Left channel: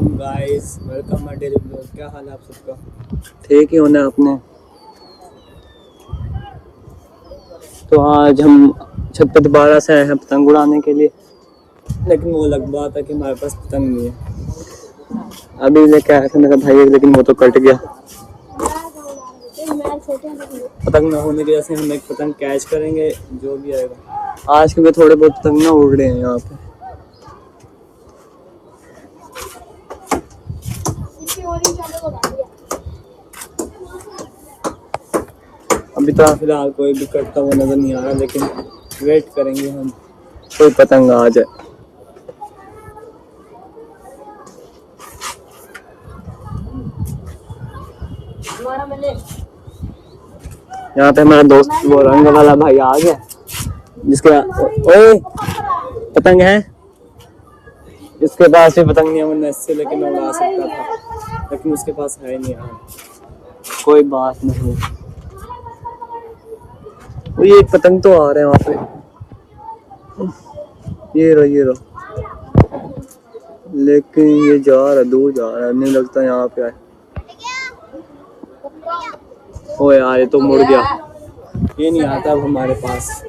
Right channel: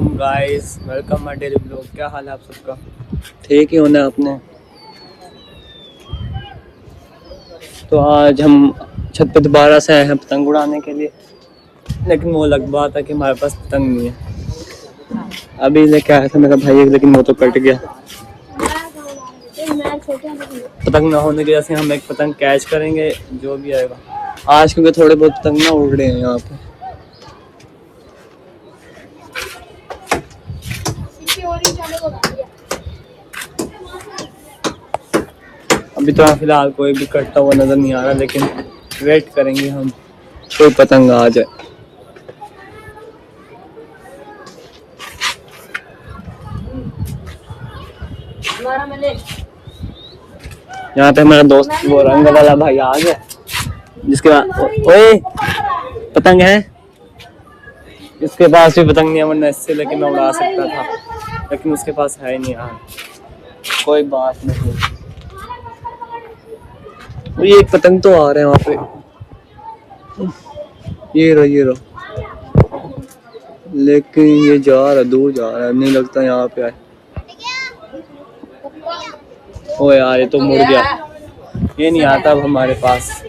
वालेकुम guys, welcome my daily blog. क्या हाल है आप सबका? ठीक ही होना है अपने। तो आज हम छत पे दोबारा से आए हैं पतंग उड़ाने के लिए, लेकिन वो अलग बात है कि हमारे पास पतंग नहीं है। अभी लेके आया था मेरा भाई, लेकिन वो तो कट गया। पतंग ना होने की वजह से हम एक पतंग कैच करेंगे जो भी आएगा आज, क्योंकि थोड़े बहुत पतंग ना उड़ रहे हैं यहाँ पे। अभी तो फिलहाल कोई भी कटता हुआ नजर नहीं आ रहा, लेकिन वेट करेंगे हम कोई पतंग आ जाए। यहाँ पे हमारा दोस्त वो रंग वाला भाई आ गया, जिसके बाद ओए पतंग है, इसके पास भी पतंग नहीं है, वरना इससे लेके मैं उड़ा सकता था, लेकिन उसके पास है नहीं यार। कोई बात नहीं। ये एक पतंग तो आ रहे हैं वहाँ पे, ये रो, लेकिन ये जा रहा है, दूर जा रहा है, नहीं लगता यहाँ पे आए। ओ यार ये तो मुड़ गया, ये नहीं आता अब हमारे पास।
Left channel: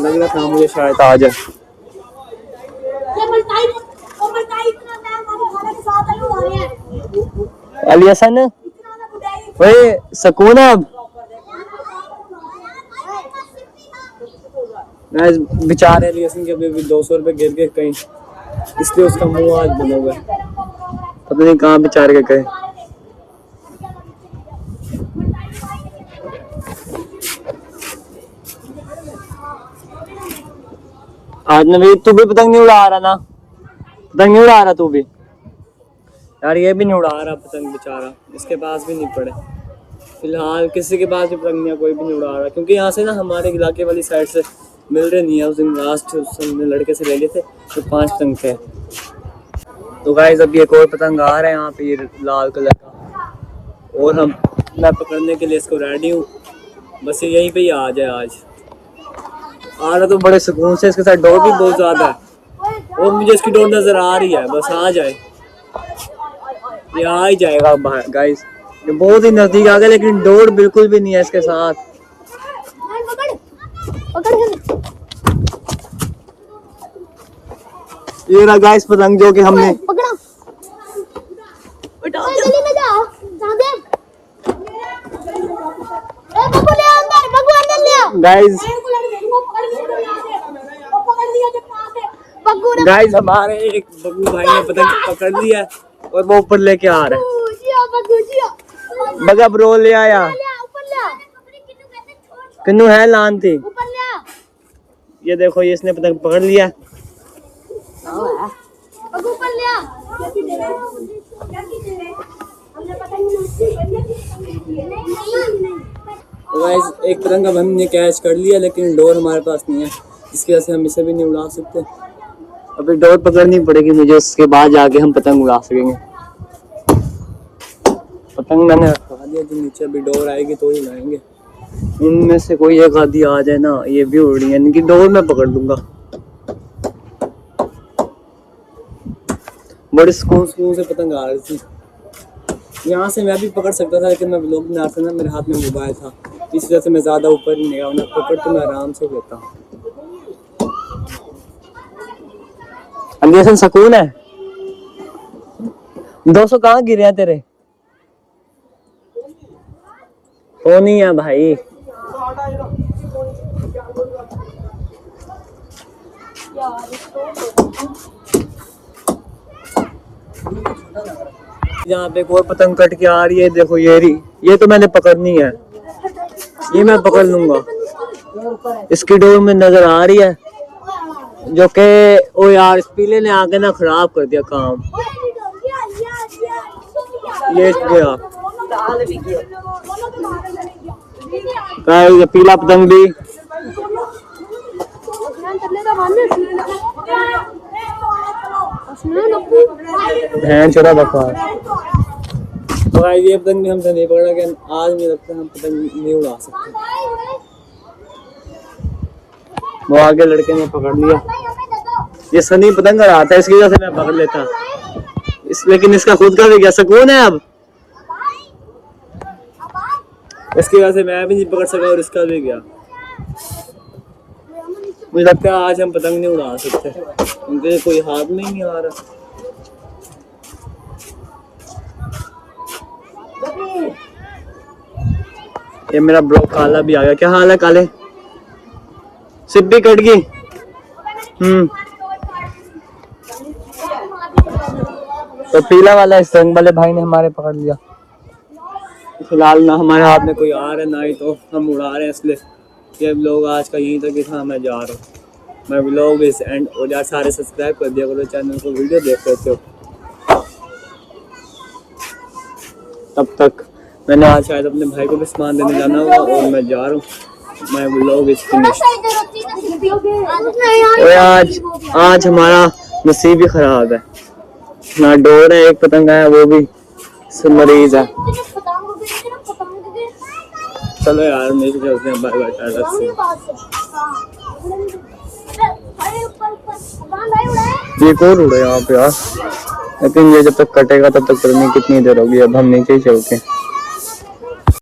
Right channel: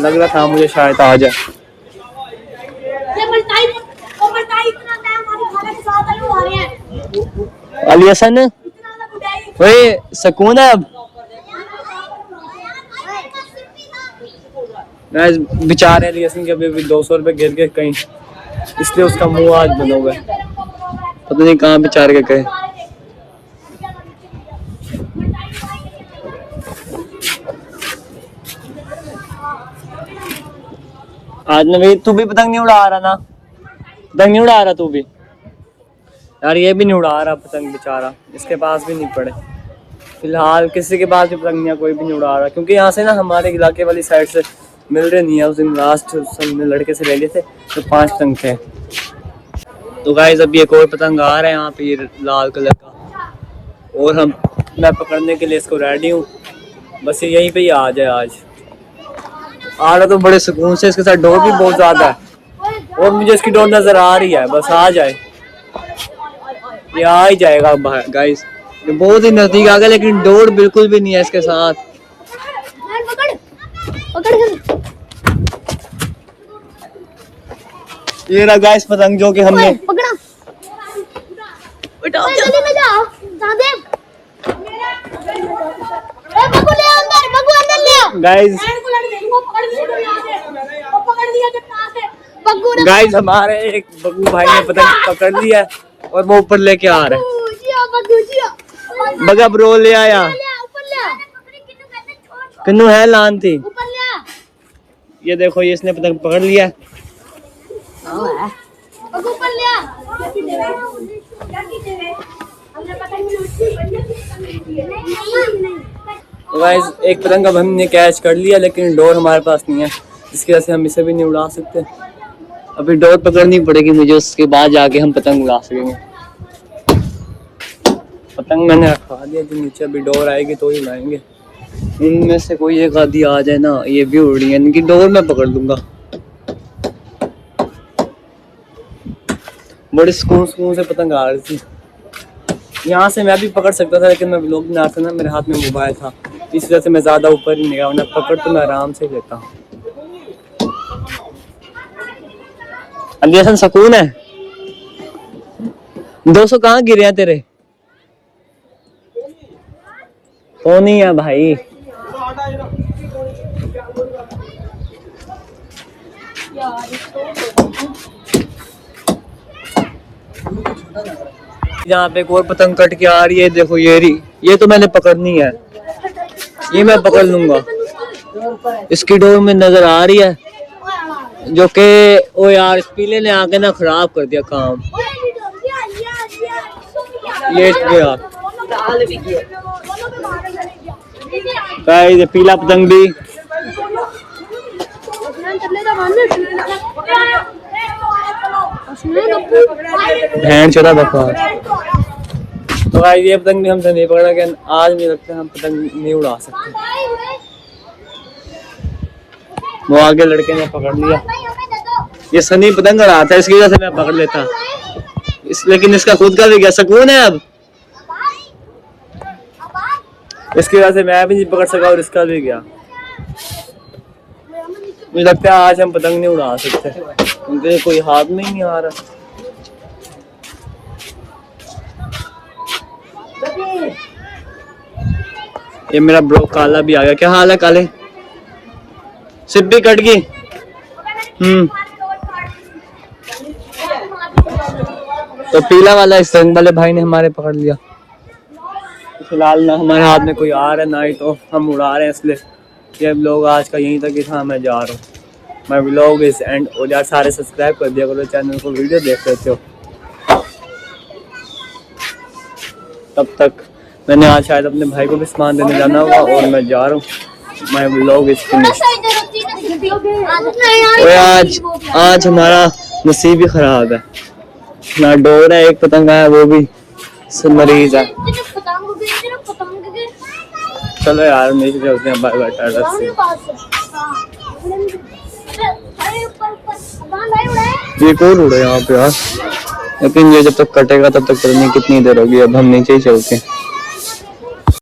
लग रहा था मुझे शायद आ जाए। अली हसन ओए सकून अब बेचारे अली हसन के अभी 200 रुपए गिर गए कहीं, इसलिए उसका मुंह आज बना हुआ है, पता नहीं कहाँ बेचारे के गए। आज नवीद तू भी पतंग नहीं उड़ा रहा ना? पतंग नहीं उड़ा रहा तू भी यार? ये भी नहीं उड़ा रहा पतंग बेचारा, इसके पास भी नहीं पड़े। फिलहाल किसी के पास भी पतंग नहीं है, कोई भी नहीं उड़ा रहा, क्योंकि यहाँ से ना हमारे इलाके वाली साइड से मिल रहे नहीं है। उस दिन लास्ट हमने लड़के से ले लिए थे तो 5 पतंग थे। तो गाइस अभी एक और पतंग आ रहा है यहाँ पे, ये लाल कलर का, और मैं पकड़ने के लिए इसको रेडी हूँ। बस ये यहीं पे ही आ जाए। आज आ रहा तो बड़े सुकून से, इसके साथ डोर भी बहुत ज्यादा है, और मुझे इसकी डोर नजर आ रही है, बस आ जाए। ये आ ही जाएगा गाइस, ये बहुत ही नजदीक आ गया, लेकिन डोर बिल्कुल भी नहीं है इसके साथ। ये रहा गाइस पतंग जो कि हमने गाइस हमारे एक बग्गू भाई ने पतंग पकड़ लिया और वो ऊपर लेके आ रहा है। बगा ब्रो ले आया, किन्नू है लान थी। ये देखो, ये इसने पतंग पकड़ लिया। तो गाइस एक पतंग अब हमने कैच कर लिया, लेकिन डोर हमारे पास नहीं है, जिसकी वजह से हम इसे भी नहीं उड़ा सकते। अभी डोर पकड़नी पड़ेगी मुझे, उसके बाद जाके हम पतंग उड़ा सकेंगे। पतंग मैंने रखवा दिया जो नीचे, अभी डोर आएगी तो ही उड़ाएंगे। इनमें से कोई एक आधी आ जाए ना, ये भी उड़ रही है, इनकी डोर मैं पकड़ लूंगा। बड़े सुकून से पतंग आ रही थी। यहाँ से मैं भी पकड़ सकता था, लेकिन मैं व्लॉग बना रहा था ना, मेरे हाथ में मोबाइल था, इस वजह से मैं ज्यादा ऊपर ही नहीं गया, वरना पकड़ तो मैं आराम से लेता हूँ। सकून है। 200 कहाँ गिरे हैं तेरे? वो नहीं है भाई। यहाँ पे कोई पतंग कट के आ रही है, देखो ये तो मैंने पकड़नी है, ये मैं पकड़ लूंगा। इसकी डोर में नजर आ रही है, जो कि ओ यार इस पीले ने आके ना खराब कर दिया काम। ये गया गाइस, पीला पतंग भी भैन चला देखो। तो गाइस ये पतंग भी हमसे नहीं पकड़ा गया आज, मुझे लगता है हम पतंग नहीं उड़ा सकते। वो आगे लड़के ने पकड़ लिया, ये सनी पतंग रहा था, इसकी वजह से मैं पकड़ लेता, लेकिन इसका खुद का भी गया, सुकून है अब। इसकी वजह से मैं भी नहीं पकड़ सका और इसका भी गया। मुझे लगता है आज हम पतंग नहीं उड़ा सकते क्योंकि कोई हाथ में ही नहीं आ रहा। ये मेरा ब्रो काला भी आ गया। क्या हाल है काले? सिप भी कट गई। तो पीला वाला इस रंग वाले भाई ने हमारे पकड़ लिया। फिलहाल ना हमारे हाथ में कोई आ रहा है ना ही तो हम उड़ा रहे हैं, इसलिए ये व्लॉग आज का यहीं तक ही था। मैं जा रहा हूँ, माय व्लॉग इज एंड। और यार सारे सब्सक्राइब कर दिया करो चैनल को, वीडियो देख लेते हो। तब तक मैंने आज शायद अपने भाई को भी सामान देने जाना होगा और मैं जा रहा हूँ। My vlog is finished. आज हमारा नसीब ही खराब है, ना डोर है, एक पतंग आया वो भी मरीज है। चलो यार नीचे चलते हैं, बाय बाय, टाटा से। ये कौन उड़ा यहाँ पे यार, लेकिन ये जब तक कटेगा तब तक पता नहीं कितनी देर होगी। अब हम नीचे ही चलते हैं।